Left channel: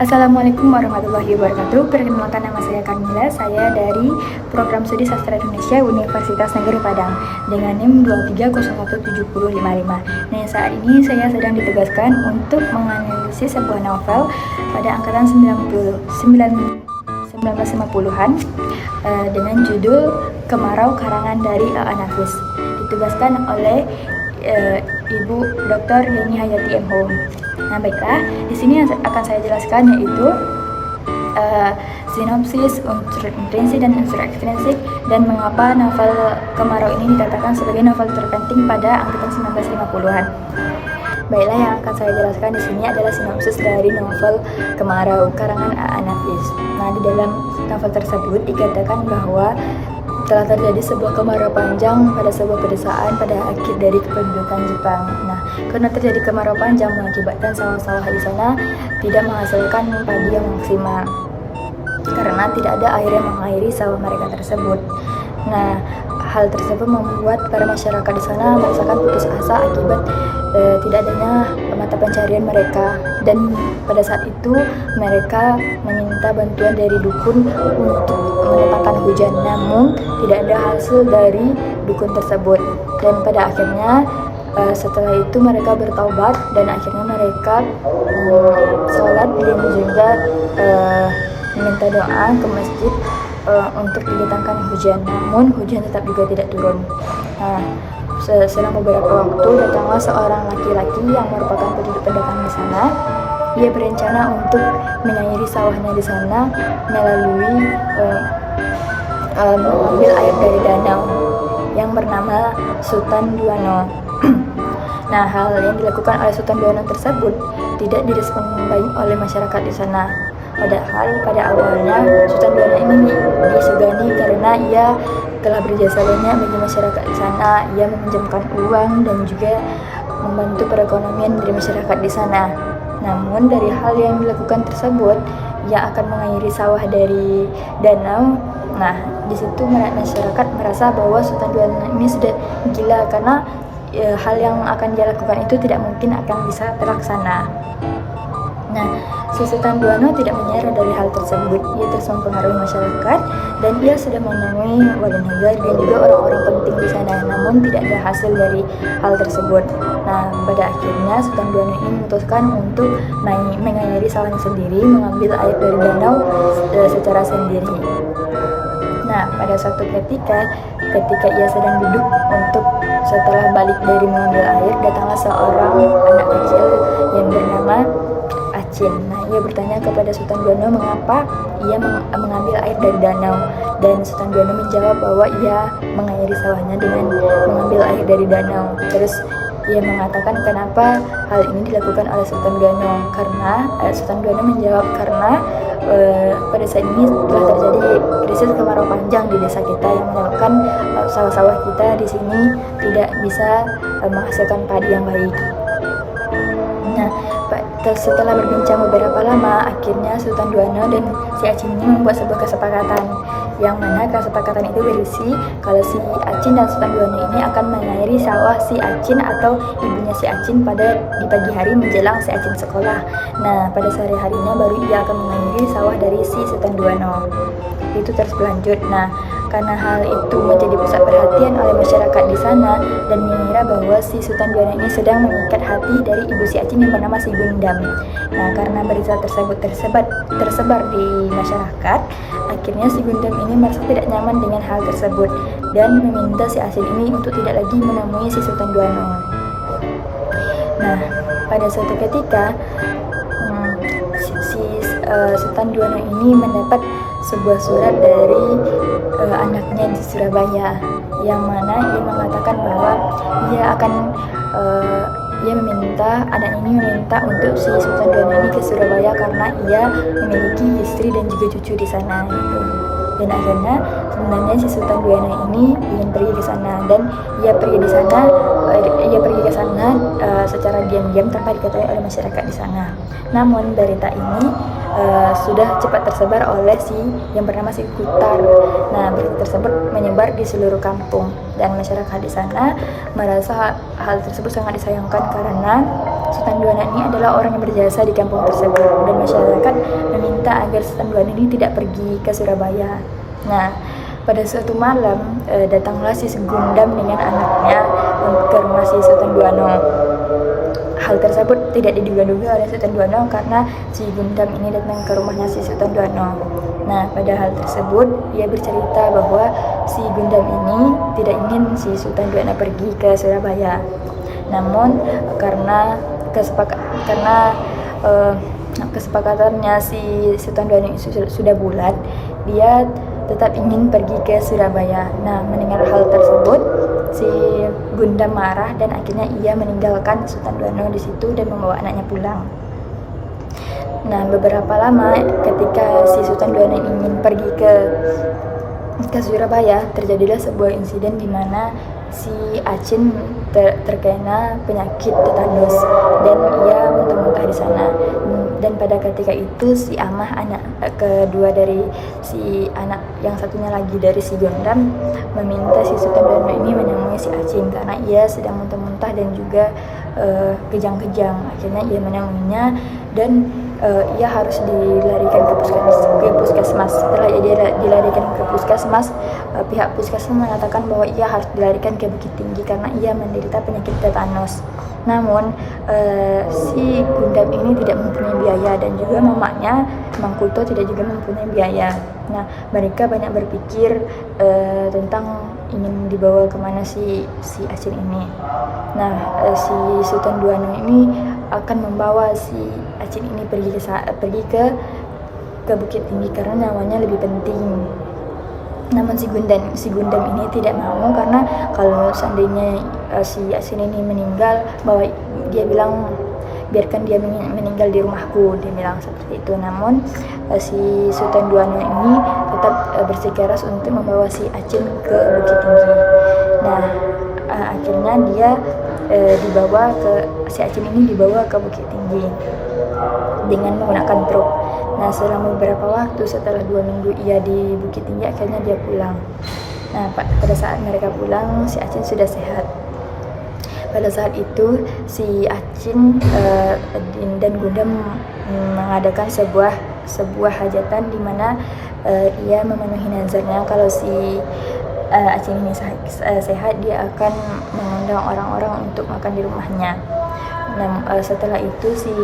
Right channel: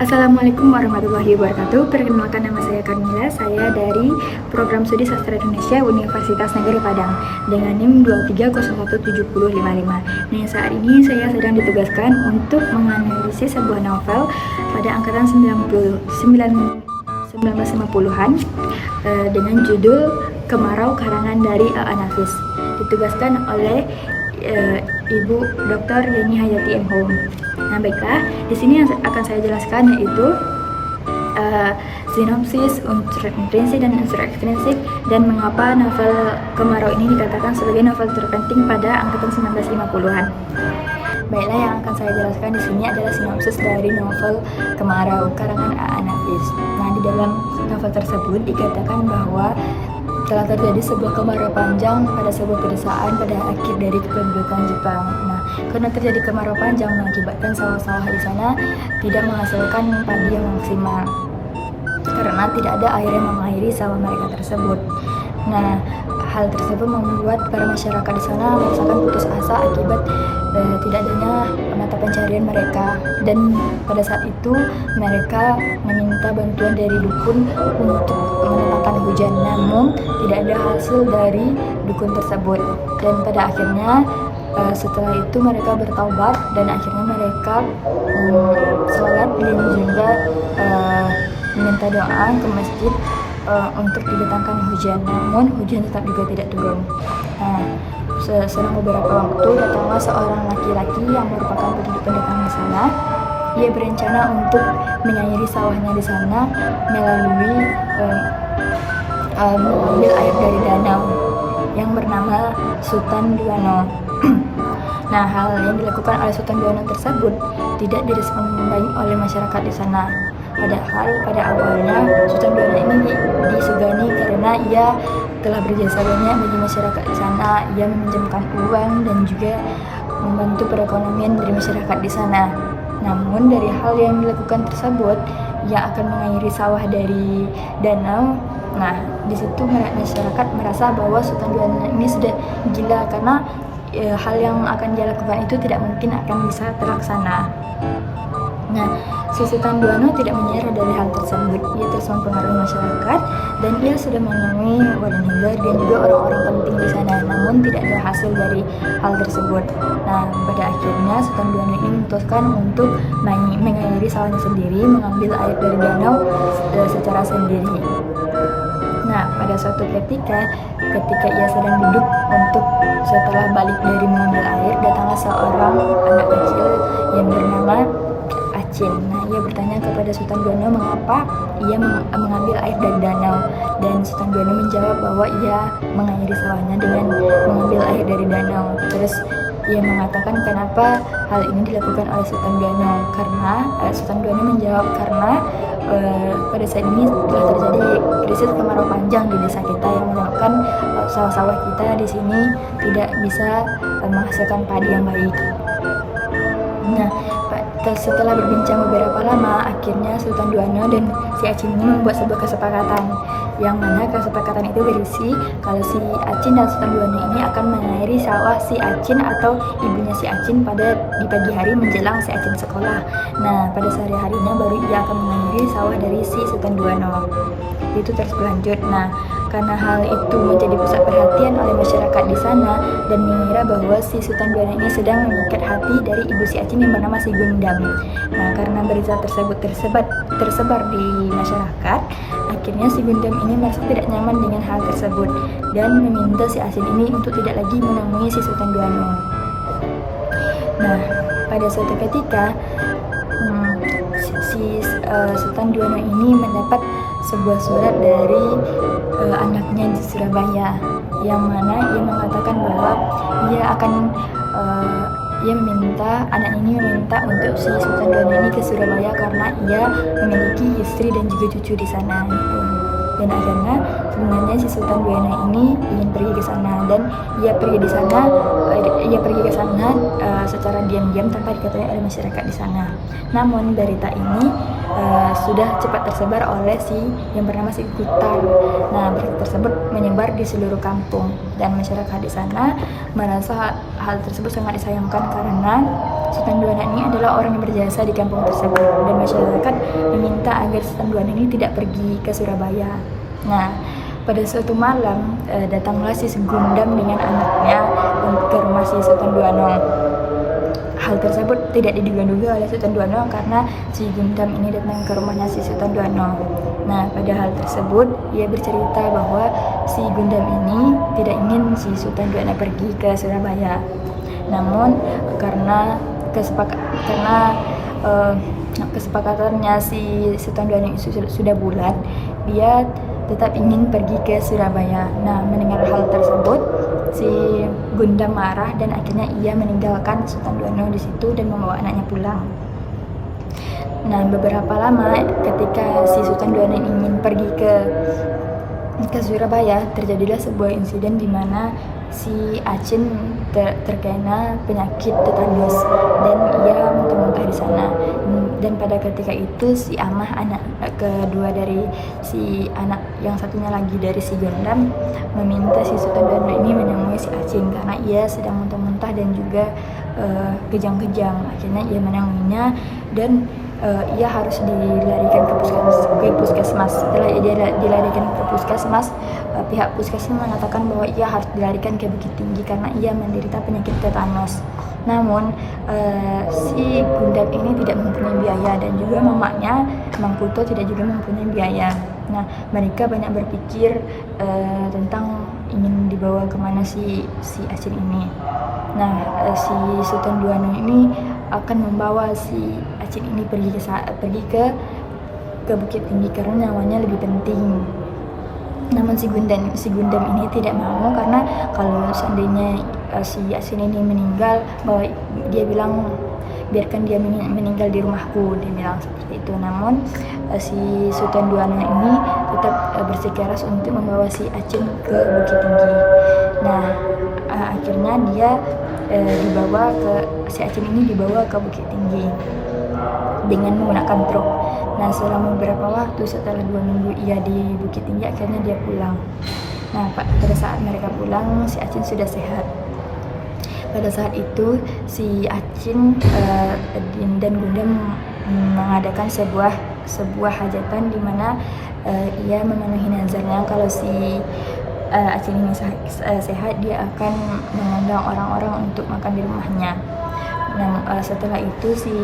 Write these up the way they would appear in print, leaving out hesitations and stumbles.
Assalamualaikum warahmatullahi wabarakatuh. Perkenalkan, nama saya Kamila. Saya dari Program Studi Sastra Indonesia Universitas Negeri Padang dengan NIM 2301755. Nah, saat ini saya sedang ditugaskan untuk menganalisis sebuah novel pada angkatan 1950-an dengan judul Kemarau karangan dari A.A. Nafis. Ditugaskan oleh Ibu Dr. Yeni Hayati M.Hum. Nah, baiklah, di sini yang akan saya jelaskan yaitu sinopsis, unsur intrinsik dan unsur ekstrinsik, dan mengapa novel Kemarau ini dikatakan sebagai novel terpenting pada angkatan 1950-an. Baiklah, yang akan saya jelaskan di sini adalah sinopsis dari novel Kemarau karangan A.A. Nafis. Nah, di dalam novel tersebut dikatakan bahwa telah terjadi sebuah kemarau panjang pada sebuah pedesaan pada akhir dari kependudukan Jepang. Nah, karena terjadi kemarau panjang mengakibatkan sawah-sawah di sana tidak menghasilkan padi yang maksimal karena tidak ada air yang mengairi sawah mereka tersebut. Nah, hal tersebut membuat para masyarakat di sana merasakan putus asa akibat tidak adanya mata pencarian mereka, dan pada saat itu mereka meminta bantuan dari dukun untuk mendatangkan hujan, namun tidak ada hasil dari dukun tersebut. Dan pada akhirnya setelah itu mereka bertaubat dan akhirnya mereka sholat dan juga meminta doa ke masjid untuk didatangkan hujan, namun hujan tetap juga tidak turun. Nah, selang beberapa waktu datanglah seorang laki-laki yang merupakan penduduk pendatang di sana. Ia berencana untuk mengairi sawahnya di sana melalui mengambil air dari danau yang bernama Sutan Duano. Nah, hal yang dilakukan oleh Sutan Duano tersebut tidak direspon baik oleh masyarakat di sana. Padahal pada awalnya Sutan Duano ini disegani karena ia telah berjasa banyak bagi masyarakat di sana. Ia meminjamkan uang dan juga membantu perekonomian dari masyarakat di sana. Namun dari hal yang dilakukan tersebut, ia akan mengairi sawah dari danau. Nah, di situ masyarakat merasa bahwa Sutan Duano ini sudah gila karena hal yang akan dia lakukan itu tidak mungkin akan bisa terlaksana. Nah, si Sutan Duano tidak menyerah dari hal tersebut. Ia terus mempengaruhi masyarakat dan ia sudah menemui Wadah Ninggar dan juga orang-orang penting di sana, namun tidak ada hasil dari hal tersebut. Nah, pada akhirnya Sutan Duano ini memutuskan untuk mengairi sawahnya sendiri, mengambil air dari danau secara sendiri. Nah, pada suatu ketika ia sedang duduk untuk setelah balik dari mengambil air, datanglah seorang anak kecil yang bernama Acin. Nah, ia bertanya kepada Sutan Duano mengapa ia mengambil air dari danau, dan Sutan Duano menjawab bahwa ia mengairi sawahnya dengan mengambil air dari danau. Terus ia mengatakan kenapa hal ini dilakukan oleh Sutan Duano, karena Sutan Duano menjawab karena pada saat ini telah terjadi krisis kemarau panjang di desa kita yang menyebabkan sawah-sawah kita di sini tidak bisa menghasilkan padi yang baik. Nah, setelah berbincang beberapa lama, akhirnya Sutan Duano dan si Acin ini membuat sebuah kesepakatan, yang mana kesepakatan itu berisi kalau si Acin dan Sutan Duano ini akan mengairi sawah si Acin atau ibunya si Acin di pagi hari menjelang si Acin sekolah. Nah, pada sore harinya baru ia akan mengairi sawah dari si Sutan Duano. Itu terus berlanjut. Nah, karena hal itu menjadi pusat perhatian oleh masyarakat di sana dan mengira bahwa si Sutan Duano ini sedang mengikat hati dari ibu si Acin yang bernama si Gundam. Nah, karena berita tersebut tersebar di masyarakat, akhirnya si Gundam ini merasa tidak nyaman dengan hal tersebut dan meminta si Acin ini untuk tidak lagi menemui si Sutan Duano. Nah, pada suatu ketika Sutan Duano ini mendapat sebuah surat dari anaknya di Surabaya, yang mana ia mengatakan bahwa anak ini meminta untuk si Sutan Duano ini ke Surabaya karena ia memiliki istri dan juga cucu di sana gitu. Dan akhirnya sebenarnya si Sultan Duana ini ingin pergi ke sana, dan ia pergi ke sana secara diam-diam tanpa diketahui oleh masyarakat di sana. Namun berita ini sudah cepat tersebar oleh si yang bernama si Kutar. Nah, berita tersebut menyebar di seluruh kampung, dan masyarakat di sana merasa hal tersebut sangat disayangkan karena Sultan Duana ini adalah orang yang berjasa di kampung tersebut, dan masyarakat meminta agar Sultan Duana ini tidak pergi ke Surabaya. Nah, pada suatu malam datanglah si Gundam dengan anaknya ke rumah si Sultan Duano. Hal tersebut tidak diduga-duga oleh Sultan Duano karena si Gundam ini datang ke rumahnya si Sultan Duano. Nah, pada hal tersebut ia bercerita bahwa si Gundam ini tidak ingin si Sultan Duano pergi ke Surabaya. Namun karena kesepakatannya si Sultan Duano sudah bulat, dia tetap ingin pergi ke Surabaya. Nah, mendengar hal tersebut, si Gundam marah dan akhirnya ia meninggalkan Sultan Duano di situ dan membawa anaknya pulang. Nah, beberapa lama ketika si Sultan Duano ingin pergi ke Surabaya, terjadilah sebuah insiden di mana si Acin terkena penyakit tetanus dan ia muntah-muntah di sana. Dan pada ketika itu si Amah, anak kedua dari si anak yang satunya lagi dari si Gundam, meminta si Sultan Duano ini menemui si Acin karena ia sedang muntah-muntah dan juga kejang-kejang. Akhirnya ia menemuinya dan ia harus dilarikan ke puskesmas. Setelah ia dilarikan ke puskesmas, pihak puskesmas mengatakan bahwa ia harus dilarikan ke Bukit Tinggi karena ia menderita penyakit tetanus. Namun si Gundam ini tidak mempunyai biaya dan juga mamanya Mangkuto tidak juga mempunyai biaya. Nah, mereka banyak berpikir tentang ingin dibawa kemana si Acin ini. Nah, si Sultan Duano ini akan membawa si Acin ini pergi ke Bukit Tinggi karena nyawanya lebih penting. Namun si Gundam ini tidak mau karena kalau seandainya si Acin ini meninggal, bahwa dia bilang biarkan dia meninggal di rumahku, dia bilang seperti itu. Namun si Sultan Duano ini tetap bersikeras untuk membawa si Acin ke Bukit Tinggi. Nah, akhirnya dia si Acin ini dibawa ke Bukit Tinggi dengan menggunakan truk. Nah, selama beberapa waktu setelah 2 minggu ia di Bukit Tinggi, akhirnya dia pulang. Nah, pada saat mereka pulang, si Acin sudah sehat. Pada saat itu si Acin dan Gundam mengadakan sebuah hajatan di mana ia memenuhi nazarnya kalau si Acin ini sehat, dia akan mengundang orang-orang untuk makan di rumahnya. Nah, setelah itu si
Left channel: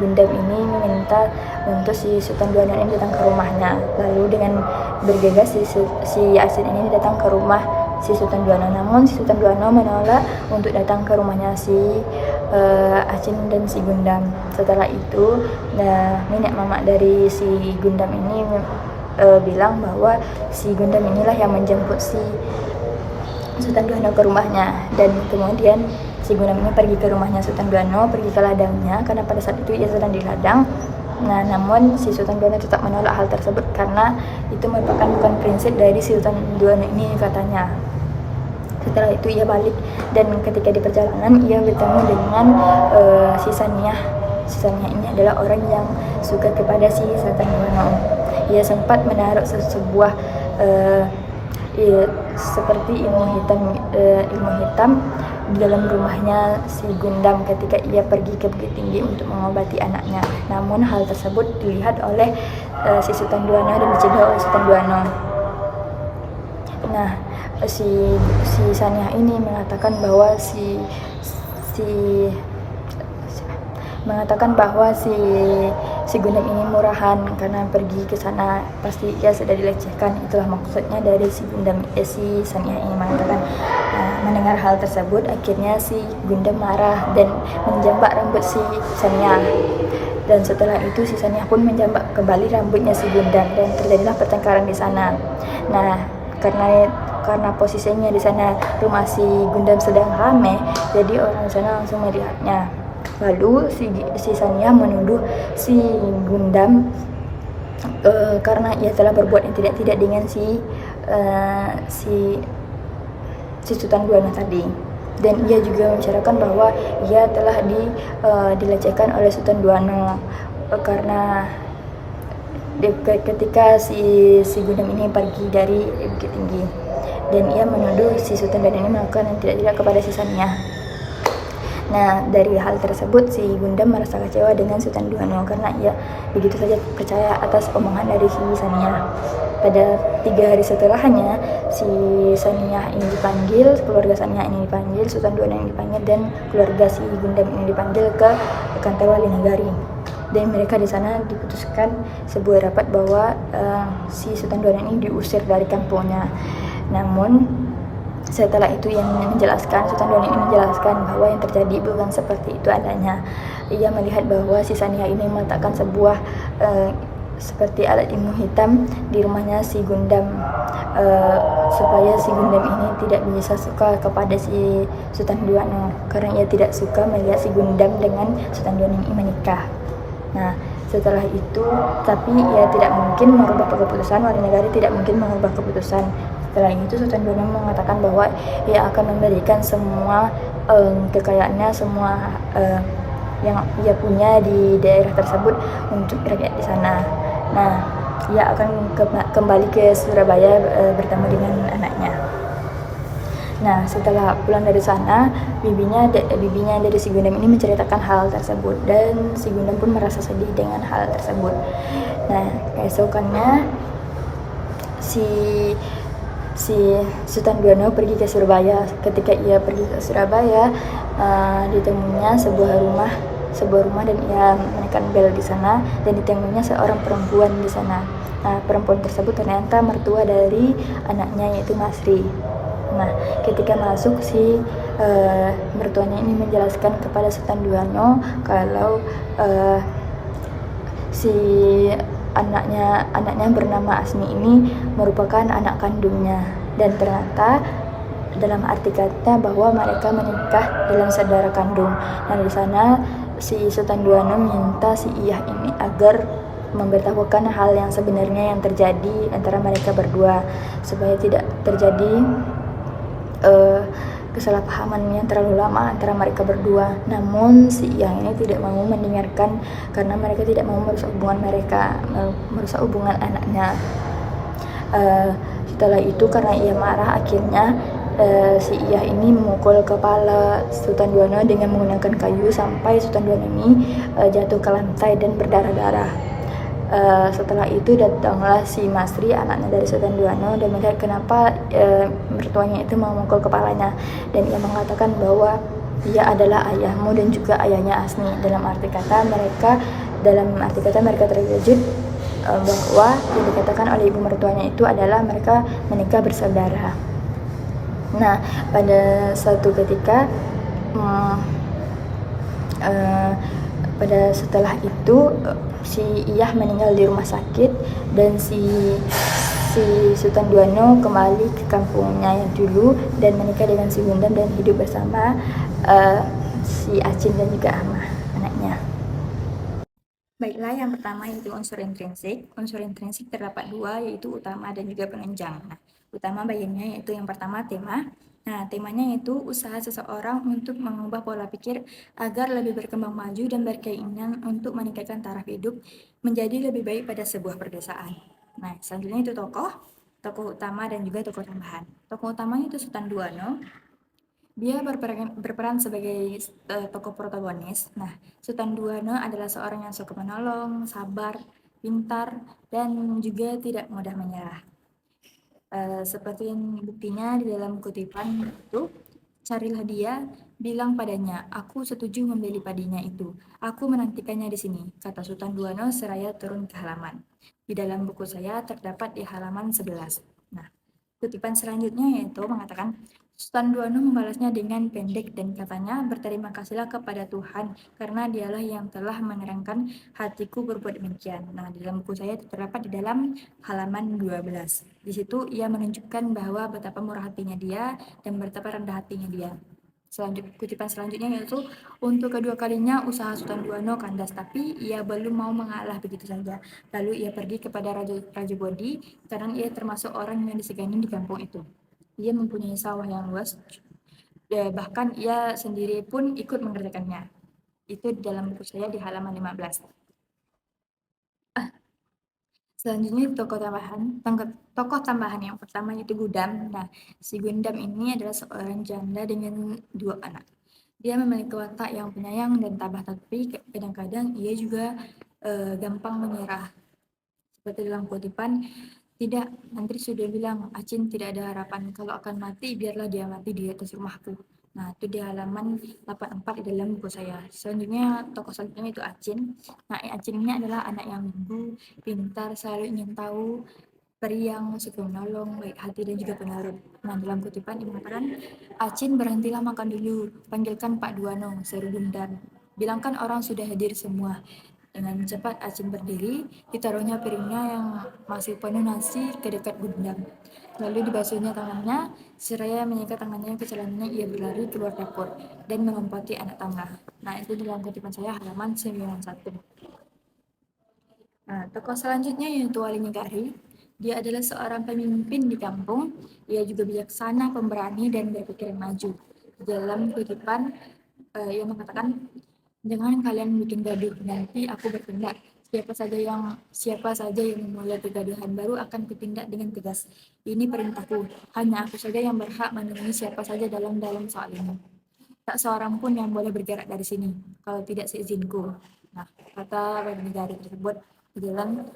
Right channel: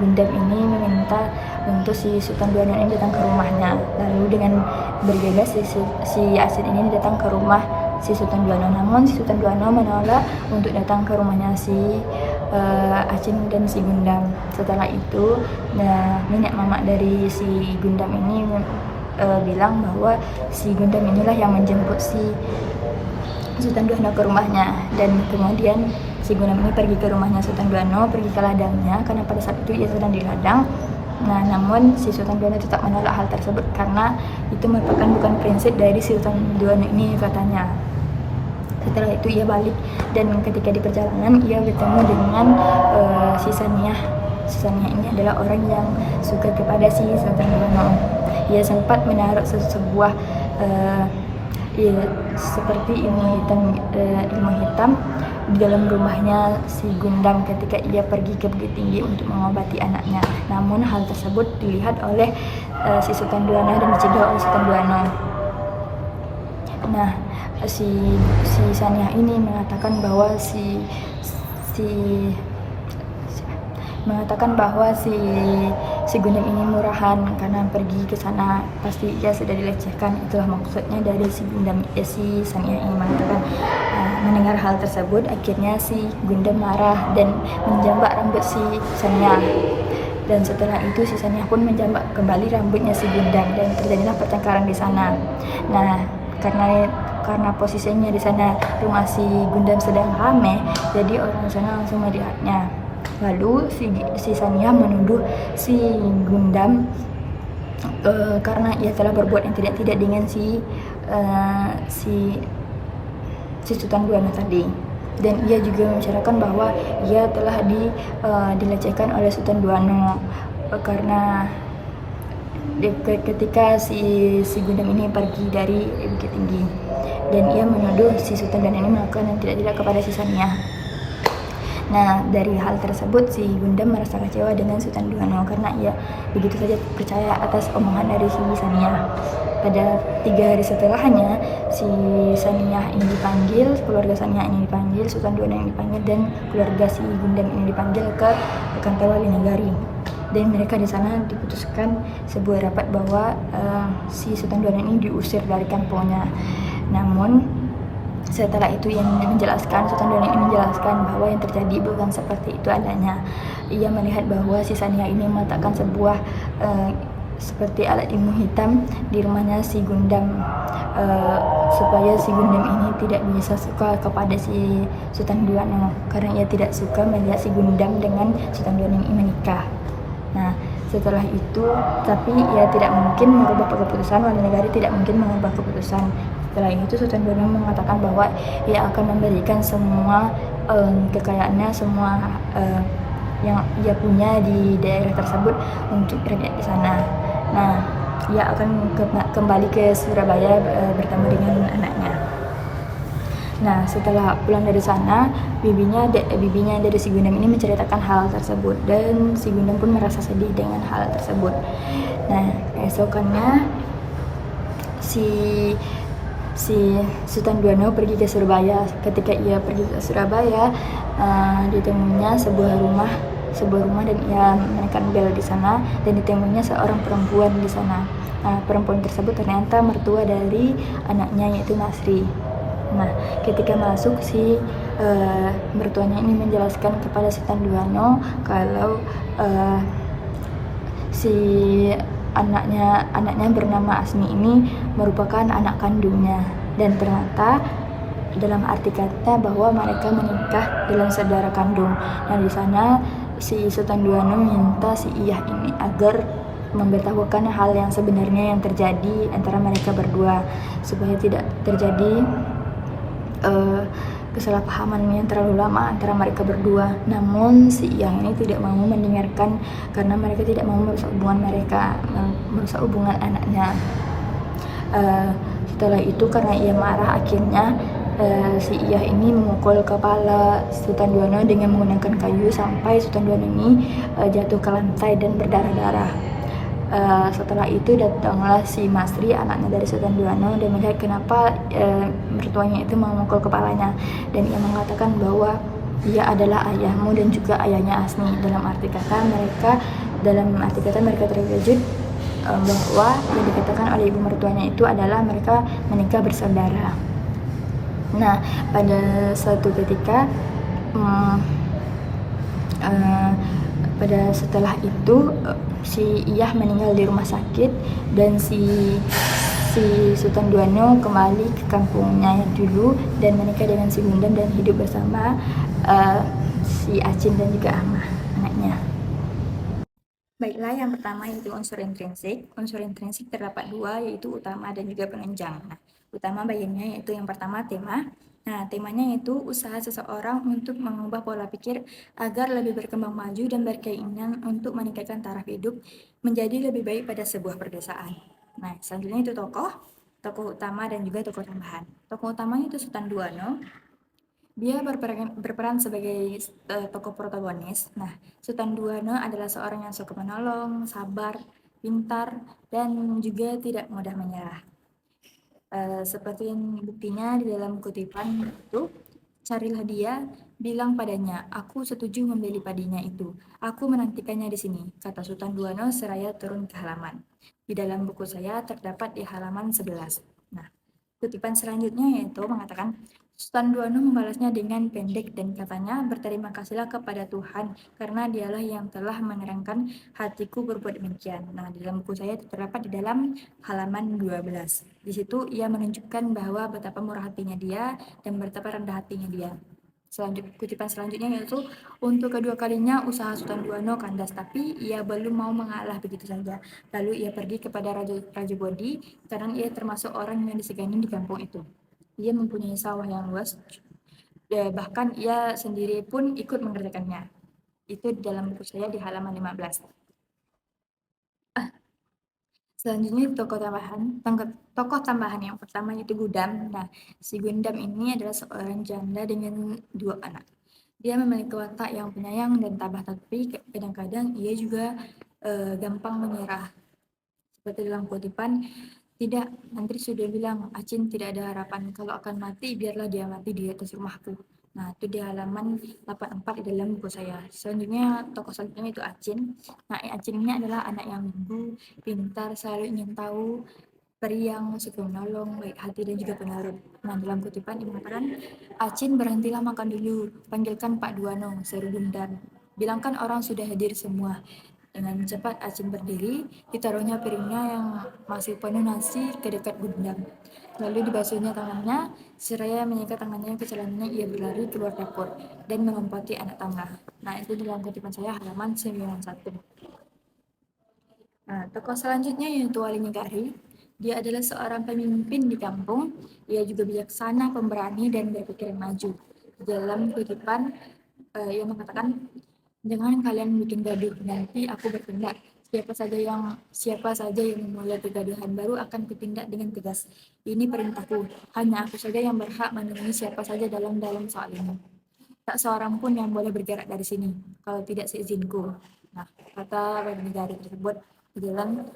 Gundam ini meminta untuk si Sultan Duano ini datang ke rumahnya. Lalu dengan bergegas si Acin ini datang ke rumah si Sultan Duano. Namun si Sultan Duano menolak untuk datang ke rumahnya si Acin dan si Gundam. Setelah itu, nenek mama dari si Gundam ini bilang bahwa si Gundam inilah yang menjemput si Sultan Duano ke rumahnya, dan kemudian si Gundam ini pergi ke rumahnya Sultan Duano, pergi ke ladangnya karena pada saat itu ia sedang di ladang. Nah, namun si Sultan Duano tetap menolak hal tersebut karena itu merupakan bukan prinsip dari si Sultan Duano ini, katanya. Setelah itu ia balik, dan ketika di perjalanan ia bertemu dengan si Saniyah. Si Saniyah ini adalah orang yang suka kepada si Sultan Duano. Ia sempat menaruh sebuah seperti ilmu hitam di dalam rumahnya si Gundam ketika ia pergi ke Bukit Tinggi untuk mengobati anaknya. Namun hal tersebut dilihat oleh si Sultan Duano dan dicegah oleh Sultan Duano. Nah, si Saniyah ini mengatakan bahwa si Gundam ini murahan karena pergi ke sana pasti ia sudah dilecehkan. Itulah maksudnya dari si Gundam. Si Saniyah ini mengatakan. Mendengar hal tersebut, akhirnya si Gundam marah dan menjambak rambut si Saniyah. Dan setelah itu si Saniyah pun menjambak kembali rambutnya si Gundam dan terjadilah pertengkaran di sana. Nah, karena posisinya di sana rumah si Gundam sedang ramai, jadi orang sana langsung melihatnya. Lalu si Saniyah menuduh si Gundam karena ia telah berbuat yang tidak dengan si si Sultan Duano tadi. Dan ia juga menceritakan bahwa ia telah dilecehkan oleh Sultan Duano karena ketika si Gundam ini pergi dari Bukit Tinggi, dan ia menuduh si Sultan Duano ini melakukan yang tidak kepada si Saniyah. Nah, dari hal tersebut si Gundam merasa kecewa dengan Sultan Duano karena ia begitu saja percaya atas omongan dari si Saniyah. Pada 3 hari setelahnya, si Saniyah ini dipanggil, keluarga Saniyah ini dipanggil, Sultan Duano ini dipanggil, dan keluarga si Gundam ini dipanggil ke kantor Wali Nagari. Dan mereka di sana diputuskan sebuah rapat bahwa si Sultan Duano ini diusir dari kampungnya. Namun setelah itu Sultan Duano ini menjelaskan bahwa yang terjadi bukan seperti itu adanya. Ia melihat bahwa si Saniyah ini meletakkan sebuah seperti alat ilmu hitam di rumahnya si Gundam, supaya si Gundam ini tidak bisa suka kepada si Sultan Duano, karena ia tidak suka melihat si Gundam dengan Sultan Duano ini menikah. Nah, setelah itu, tapi ia tidak mungkin merubah keputusan, Wali Nagari tidak mungkin mengubah keputusan. Setelah itu Sultan Duano mengatakan bahwa ia akan memberikan semua kekayaannya, semua yang ia punya di daerah tersebut untuk rakyat di sana. Nah, ia akan kembali ke Surabaya bertemu dengan anaknya. Nah, setelah pulang dari sana, bibinya dari si Gundam ini menceritakan hal tersebut, dan si Gundam pun merasa sedih dengan hal tersebut. Nah, keesokannya si Sultan Duano pergi ke Surabaya. Ketika ia pergi ke Surabaya, ditemuinya sebuah rumah dan ia menekan bel di sana, dan ditemuinya seorang perempuan di sana. Nah, perempuan tersebut ternyata mertua dari anaknya, yaitu Masri. Nah, ketika masuk, si mertuanya ini menjelaskan kepada Sultan Duano kalau si anaknya bernama Asmi ini merupakan anak kandungnya, dan ternyata dalam arti kata bahwa mereka menikah dalam saudara kandung. Nah, di sana si Sultan Duano minta si Iyah ini agar memberitahukan hal yang sebenarnya yang terjadi antara mereka berdua, supaya tidak terjadi kesalahpahaman yang terlalu lama antara mereka berdua. Namun si Iyah ini tidak mau mendengarkan, karena mereka tidak mau merusak hubungan anaknya. Setelah itu, karena ia marah, akhirnya si Iyah ini memukul kepala Sultan Duano dengan menggunakan kayu sampai Sultan Duano ini jatuh ke lantai dan berdarah-darah. Setelah itu datanglah si Masri, anaknya dari Sultan Duano, dan melihat kenapa mertuanya itu memukul kepalanya, dan ia mengatakan bahwa dia adalah ayahmu dan juga ayahnya Asmi. Dalam arti kata mereka terkejut bahwa yang dikatakan oleh ibu mertuanya itu adalah mereka menikah bersaudara. Nah, pada suatu ketika setelah itu si Iyah meninggal di rumah sakit, dan si Sultan Duano kembali ke kampungnya yang dulu dan menikah dengan si Gundam dan hidup bersama si Acin dan juga Amah, anaknya. Baiklah, yang pertama yaitu unsur intrinsik. Unsur intrinsik terdapat 2, yaitu utama dan juga penunjang. Nah, utama bagiannya yaitu yang pertama tema. Nah, temanya yaitu usaha seseorang untuk mengubah pola pikir agar lebih berkembang maju dan berkeinginan untuk meningkatkan taraf hidup menjadi lebih baik pada sebuah perdesaan. Nah, selanjutnya itu tokoh utama dan juga tokoh tambahan. Tokoh utamanya itu Sultan Duano. Dia berperan sebagai tokoh protagonis. Nah, Sultan Duano adalah seorang yang suka menolong, sabar, pintar, dan juga tidak mudah menyerah. Seperti yang buktinya di dalam kutipan itu, carilah dia, bilang padanya, aku setuju membeli padinya itu. Aku menantikannya di sini, kata Sultan Duano seraya turun ke halaman. Di dalam buku saya terdapat di halaman 11. Nah, kutipan selanjutnya yaitu mengatakan, Sultan Duano membalasnya dengan pendek dan katanya, berterima kasihlah kepada Tuhan karena dialah yang telah menerangkan hatiku berbuat demikian. Nah, di dalam buku saya terdapat di dalam halaman 12. Di situ ia menunjukkan bahwa betapa murah hatinya dia dan betapa rendah hatinya dia. Kutipan selanjutnya yaitu, untuk kedua kalinya usaha Sultan Duano kandas, tapi ia belum mau mengalah begitu saja. Lalu ia pergi kepada Raja Bodi, karena ia termasuk orang yang disegani di kampung itu. Ia mempunyai sawah yang luas, bahkan ia sendiri pun ikut mengerjakannya. Itu di dalam buku saya di halaman 15. Selanjutnya tokoh tambahan yang pertama yaitu Gudam. Nah, si Gundam ini adalah seorang janda dengan 2 anak. Dia memiliki watak yang penyayang dan tabah, tapi kadang-kadang ia juga gampang menyerah. Seperti dalam kutipan, tidak, menteri sudah bilang, Acin tidak ada harapan. Kalau akan mati, biarlah dia mati di atas rumahku. Nah, itu di halaman 84 di dalam buku saya. Selanjutnya, tokoh selanjutnya itu Acin. Nah, Acin ini adalah anak yang lugu, pintar, selalu ingin tahu, periang, suka menolong, baik hati, dan juga penurut. Nah, dalam kutipan ini mengatakan, Acin berhentilah makan dulu, panggilkan Pak Duano, seru Gundam. Bilangkan orang sudah hadir semua. Dengan cepat Acin berdiri, ditaruhnya piringnya yang masih penuh nasi ke dekat Gundam. Lalu dibasuhnya tangannya, seraya menyikat tangannya ke celananya, ia berlari keluar dapur dan melompati anak tangga. Nah, itu dalam kutipan saya halaman 91. Nah, tokoh selanjutnya yaitu Wali Negari. Dia adalah seorang pemimpin di kampung. Ia juga bijaksana, pemberani, dan berpikiran maju. Dalam kutipan, ia mengatakan, jangan kalian bikin gaduh, nanti aku bertindak. Siapa saja yang memulai kegaduhan baru akan kutindak dengan tegas. Ini perintahku. Hanya aku saja yang berhak menemui siapa saja dalam soal ini. Tak seorang pun yang boleh bergerak dari sini kalau tidak seizinku. Nah, kata Wali Negari tersebut di dalam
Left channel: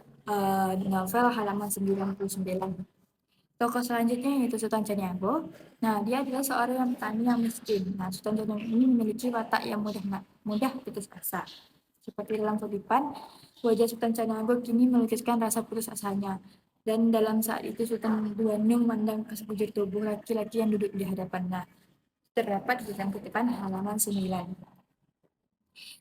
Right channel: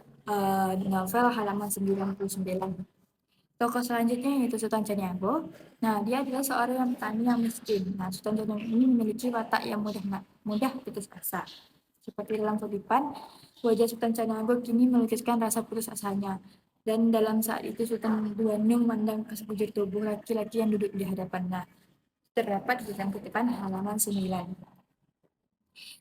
novel halaman 99. Tokoh selanjutnya yaitu Sultan Caniago. Nah, dia adalah seorang yang petani yang miskin. Nah, Sultan Caniago ini memiliki watak yang mudah putus asa. Seperti dalam kutipan, wajah Sultan Caniago kini melukiskan rasa putus asanya. Dan dalam saat itu Sultan Duanu memandang ke sekujur tubuh laki-laki yang duduk di hadapannya. Terdapat di dalam kutipan halaman 9.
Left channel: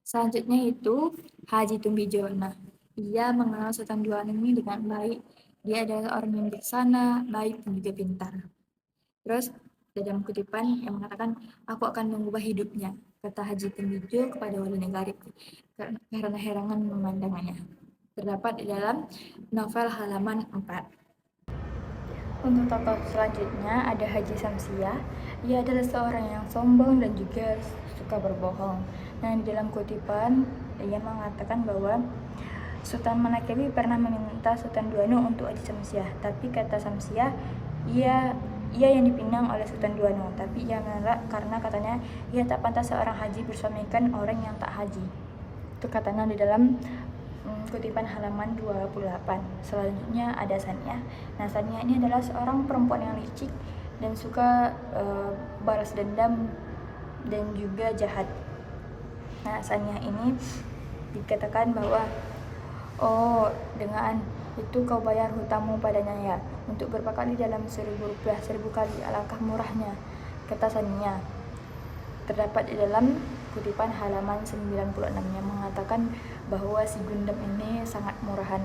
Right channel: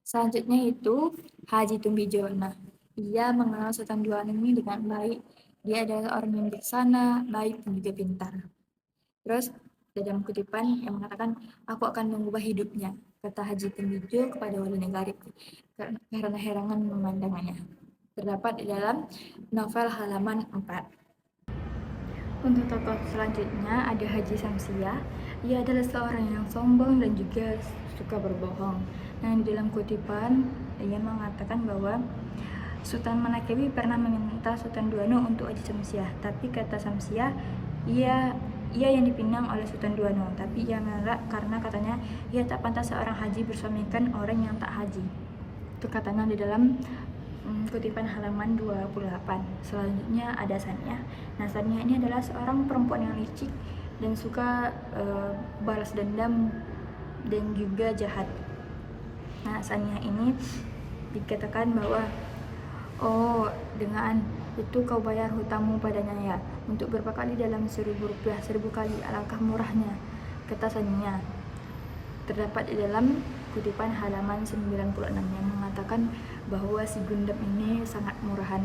Selanjutnya itu Haji Tumbijo. Nah, ia mengenal Sultan Duanu ini dengan baik. Dia adalah orang yang bijaksana, baik, dan juga pintar. Terus dalam kutipan yang mengatakan, aku akan mengubah hidupnya, kata Haji Tumbijo kepada Wali Negari karena herangan memandangannya. Terdapat di dalam novel halaman 4. Untuk tokoh selanjutnya ada Haji Samsiah. Ia adalah seorang yang sombong dan juga suka berbohong. Nah, di dalam kutipan ia mengatakan bahwa Sultan Manakewi pernah meminta Sultan Duano untuk Haji Samsiah, tapi kata Samsiah, ia yang dipinang oleh Sultan Duano, tapi ia menolak karena katanya ia tak pantas seorang haji bersuamikan orang yang tak haji. Itu katanya di dalam kutipan halaman 28. Selanjutnya ada Sania. Nah, Sania ini adalah seorang perempuan yang licik dan suka balas dendam dan juga jahat. Nah, Sania ini dikatakan bahwa, oh, dengan itu kau bayar hutangmu padanya ya, untuk berapa kali dalam 1.000 rupiah, 1.000 kali, alangkah murahnya, kata Sania. Terdapat di dalam kutipan halaman 96 yang mengatakan bahwa si Gundam ini sangat murahan.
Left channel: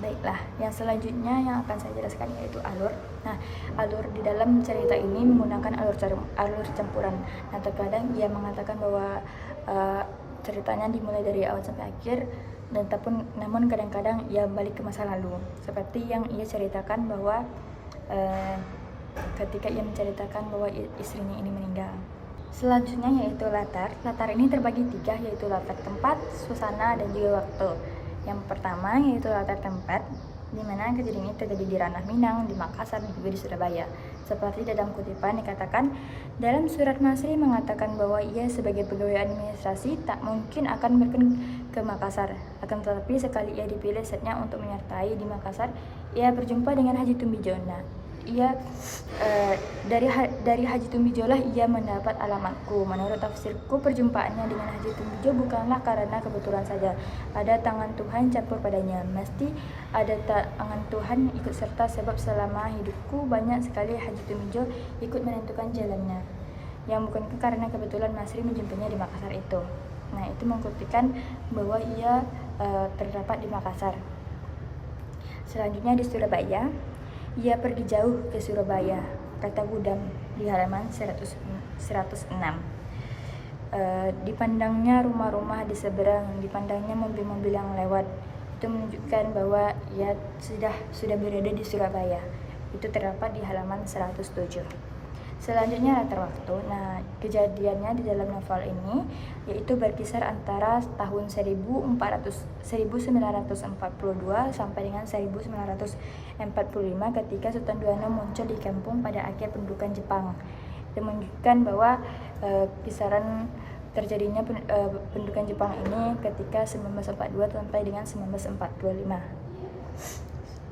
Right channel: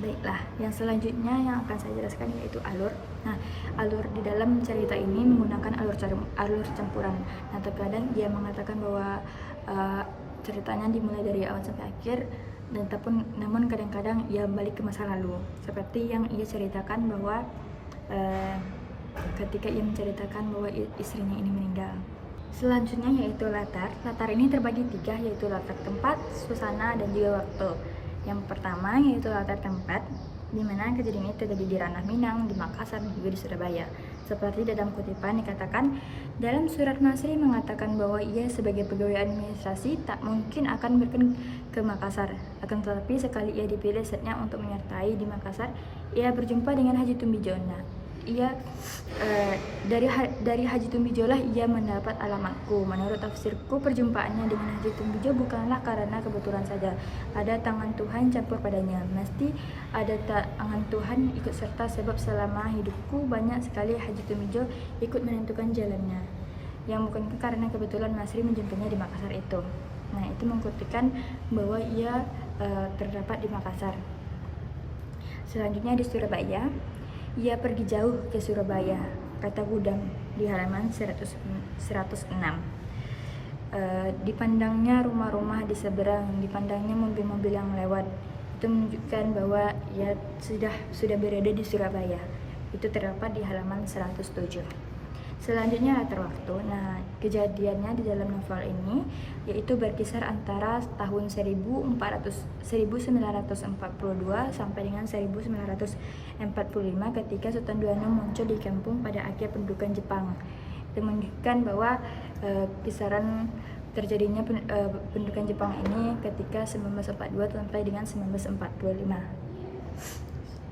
Baiklah, yang selanjutnya yang akan saya jelaskan yaitu alur. Nah, alur di dalam cerita ini menggunakan alur campuran. Nah, terkadang ia mengatakan bahwa ceritanya dimulai dari awal sampai akhir, namun kadang-kadang ia balik ke masa lalu. Seperti yang ia ceritakan bahwa ketika ia menceritakan bahwa istrinya ini meninggal. Selanjutnya yaitu latar. Latar ini terbagi 3, yaitu latar tempat, suasana, dan juga waktu. Yang pertama yaitu latar tempat, di mana kejadian ini terjadi di ranah Minang, di Makassar, dan juga di Surabaya. Seperti dalam kutipan dikatakan, dalam surat Masri mengatakan bahwa ia sebagai pegawai administrasi tak mungkin akan berkunjung ke Makassar. Akan tetapi sekali ia dipilih setnya untuk menyertai di Makassar, ia berjumpa dengan Haji Tumbijona. Dari Haji Tumbijo lah ia mendapat alamatku. Menurut tafsirku, perjumpaannya dengan Haji Tumbijo bukanlah karena kebetulan saja. Ada tangan Tuhan campur padanya. Mesti ada tangan Tuhan ikut serta, sebab selama hidupku banyak sekali Haji Tumbijo ikut menentukan jalannya, yang bukan karena kebetulan Masri menjumpainya di Makassar itu. Nah, itu membuktikan bahwa ia terdapat di Makassar. Selanjutnya di Surabaya. Ia pergi jauh ke Surabaya. kata gudang di halaman 106. Dipandangnya rumah-rumah di seberang, dipandangnya mobil-mobil yang lewat. Itu menunjukkan bahwa ia sudah berada di Surabaya. Itu terdapat di halaman 107. Selanjutnya latar waktu. Nah, kejadiannya di dalam novel ini yaitu berkisar antara tahun 1942 sampai dengan 1945 ketika Sultan Duano muncul di kampung pada akhir pendudukan Jepang. Itu menunjukkan bahwa kisaran terjadinya pendudukan Jepang ini ketika 1942 sampai dengan 1945.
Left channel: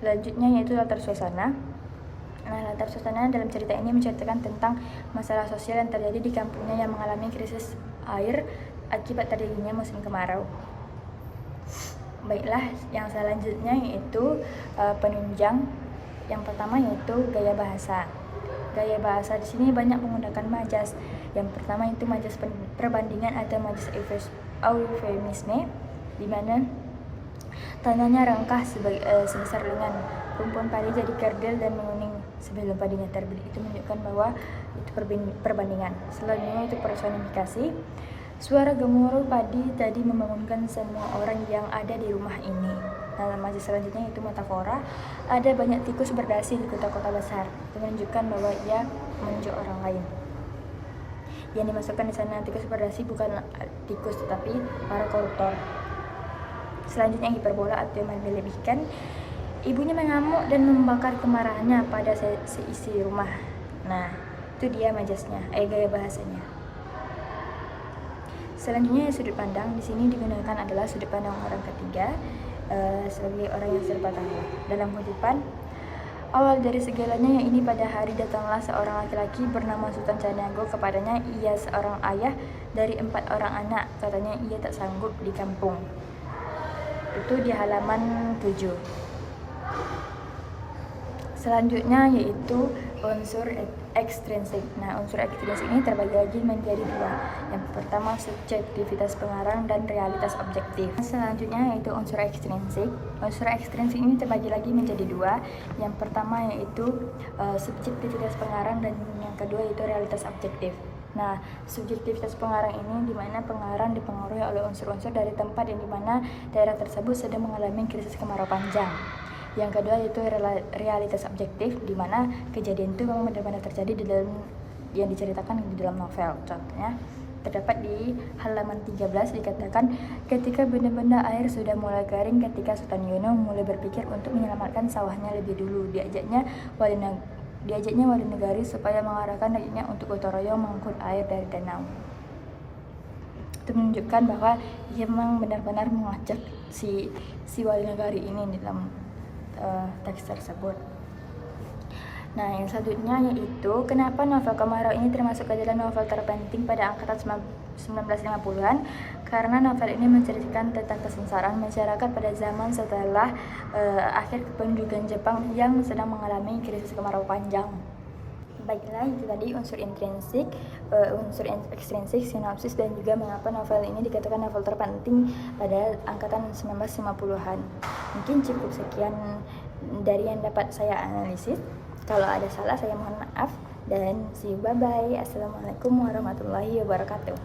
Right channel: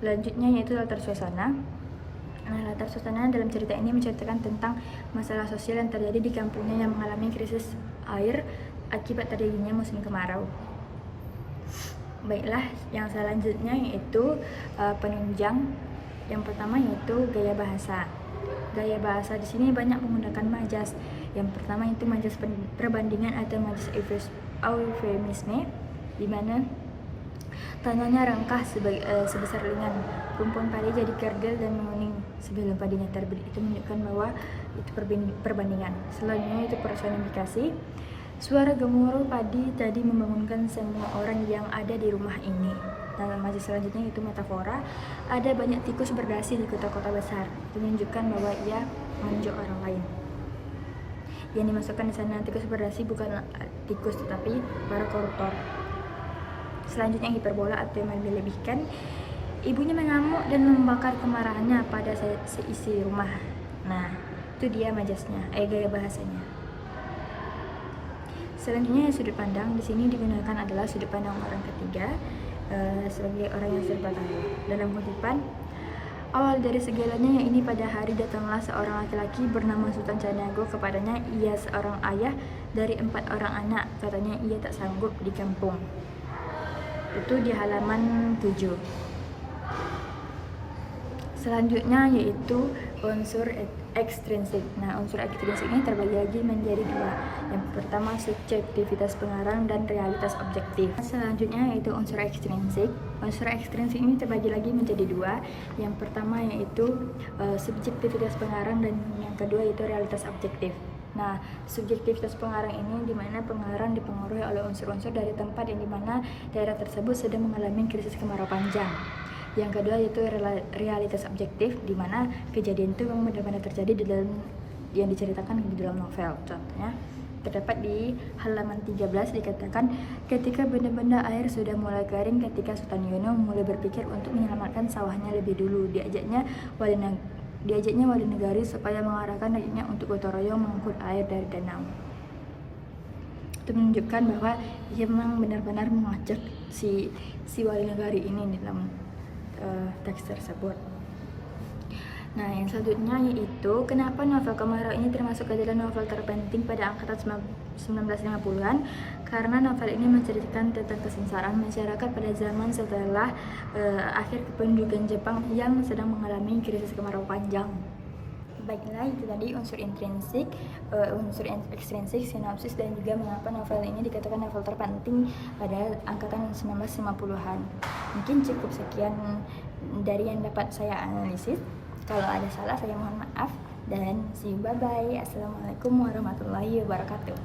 Selanjutnya yaitu latar suasana. Nah, latar suasana dalam cerita ini menceritakan tentang masalah sosial yang terjadi di kampungnya yang mengalami krisis air akibat terjadinya musim kemarau. Baiklah, yang selanjutnya yaitu penunjang. Yang pertama yaitu gaya bahasa. Gaya bahasa di sini banyak menggunakan majas. Yang pertama itu majas perbandingan atau majas eufemisme, di mana tanahnya rangkah sebesar lengan, rumpun padi jadi kerdil dan menguning sebelum padinya terbit. Itu menunjukkan bahwa itu perbandingan. Selanjutnya itu personifikasi. Suara gemuruh padi tadi membangunkan semua orang yang ada di rumah ini. Dalam majas selanjutnya itu metafora. Ada banyak tikus berdasi di kota-kota besar. Itu menunjukkan bahwa ia menunjuk orang lain. Yang dimasukkan di sana tikus berdasi bukan tikus tetapi para koruptor. Selanjutnya hiperbola atau yang melebihkan. Ibunya mengamuk dan membakar kemarahannya pada seisi rumah. Nah, itu dia majasnya, gaya bahasanya. Selanjutnya sudut pandang. Di sini digunakan adalah sudut pandang orang ketiga sebagai orang yang serba tahu. Dalam kutipan, awal dari segalanya yang ini pada hari datanglah seorang laki-laki bernama Sultan Canago. Kepadanya ia seorang ayah dari 4 orang anak. Katanya ia tak sanggup di kampung. Itu di halaman 7. Selanjutnya yaitu unsur ekstrinsik. Nah, unsur ekstrinsik ini terbagi lagi menjadi 2. Yang pertama subjektivitas pengarang dan realitas objektif. Selanjutnya yaitu unsur ekstrinsik. Unsur ekstrinsik ini terbagi lagi menjadi 2. Yang pertama yaitu subjektivitas pengarang dan yang kedua yaitu realitas objektif. Nah, subjektivitas pengarang ini di mana pengarang dipengaruhi oleh unsur-unsur dari tempat yang dimana daerah tersebut sedang mengalami krisis kemarau panjang. Yang kedua yaitu realitas objektif, di mana kejadian itu memang benar-benar terjadi di dalam yang diceritakan di dalam novel. Contohnya terdapat di halaman 13 dikatakan ketika benda-benda air sudah mulai kering, ketika Sultan Yono mulai berpikir untuk menyelamatkan sawahnya lebih dulu, diajaknya wali negari supaya mengarahkan rakyatnya untuk gotong royong mengangkut air dari danau. Itu menunjukkan bahwa ia memang benar-benar mengajak si wali negari ini di dalam teks tersebut. Nah, yang selanjutnya yaitu kenapa novel Kemarau ini termasuk ke dalam novel terpenting pada angkatan 1950-an? Karena novel ini menceritakan tentang kesengsaraan masyarakat pada zaman setelah akhir kependudukan Jepang yang sedang mengalami krisis kemarau panjang. Baiklah, itu tadi unsur intrinsik, unsur ekstrinsik, sinopsis, dan juga mengapa novel ini dikatakan novel terpenting pada angkatan 1950-an. Mungkin cukup sekian dari yang dapat saya analisis. Kalau ada salah saya mohon maaf dan see you, bye bye. Assalamualaikum warahmatullahi wabarakatuh.